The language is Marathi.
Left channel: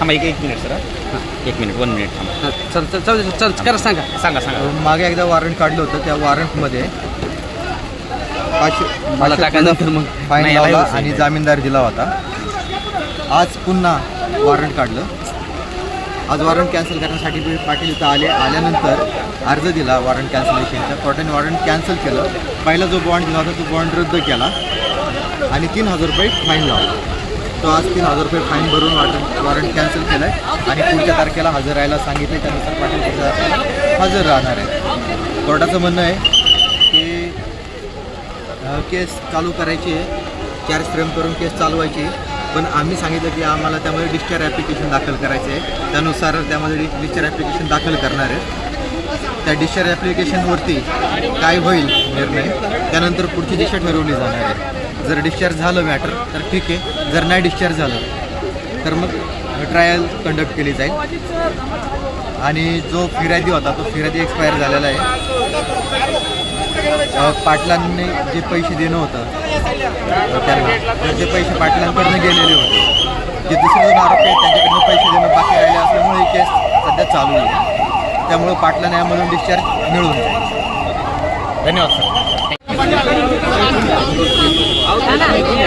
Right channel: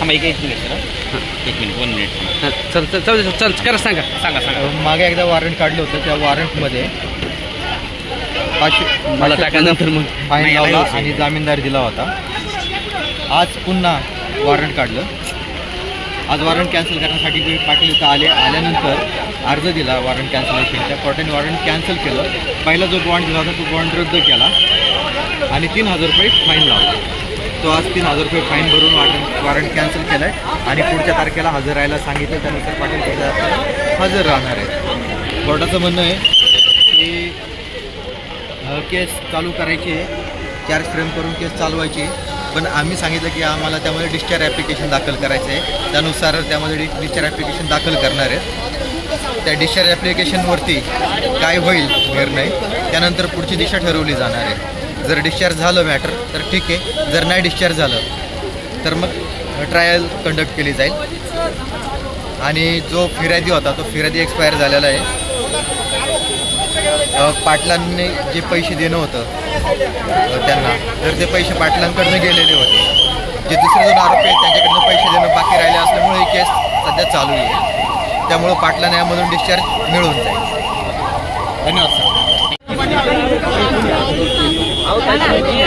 थांबा एक एक मिनिट सर. एक मिनिट वन मिनिट हां चल चल चल चल करा सांगा. सांगा सांगा. मागे एकदा वॉरंट काढलं होतं त्या वॉरंटमध्ये पाचशे मला पाचशे टाका नंतर मग. फाईन लावला. आणि जामीनदार दिला होता. आज पुन्हा वॉरंट काढलं. आज वॉरंट कॅन्सल करण्यासाठी मी पाटील इथं आले. आल्यानंतर अर्ज दिला वॉरंट कॅन्सलेशनचा कोर्टाने वॉरंट कॅन्सल केलं. पहिला जो बॉन्ड दिला होता तो बॉन्ड रद्द केला. आणि तीन हजार रुपये फाईन लावला. तो आज तीन हजार रुपये फाईन भरून वॉरंट वॉरंट कॅन्सल केलं आहे आणि पुढच्या तारखेला हजर राहायला सांगितलं त्यानुसार पाटील पुढच्या तारखेला हजर राहणार आहे कोर्टाचं म्हणणं आहे की केस चालू करायची आहे. चार्ज फ्रेम करून केस चालवायची पण आम्ही सांगितलं की आम्हाला त्यामध्ये डिस्चार्ज ॲप्लिकेशन दाखल करायचं आहे. त्यानुसार त्यामध्ये डि डिस्चार्ज ॲप्लिकेशन दाखल करणार आहे त्या डिस्चार्ज ॲप्लिकेशनवरती काय होईल निर्णय त्यानंतर पुढची दिशा ठरवली जाणार आहे. जर डिस्चार्ज झालं मॅटर तर ठीक आहे. जर नाही डिस्चार्ज झालं तर मग ट्रायल कंडक्ट केली जाईल. आणि जो फिर्यादी होता तो फिर्यादी एक्सपायर झालेला आहे. पाटलांनी जे पैसे देणं होतं त्यांना तर ते पैसे पाटलांकडनं गेलेले होते. जे दुसरे दोन आरोपी आहेत त्यांच्याकडनं पैसे देणं बाकी राहिले असल्यामुळे ही केस सध्या चालू आहे. त्यामुळं पाटलांना यामधून डिस्चार्ज मिळून जाईल. धन्यवाद सर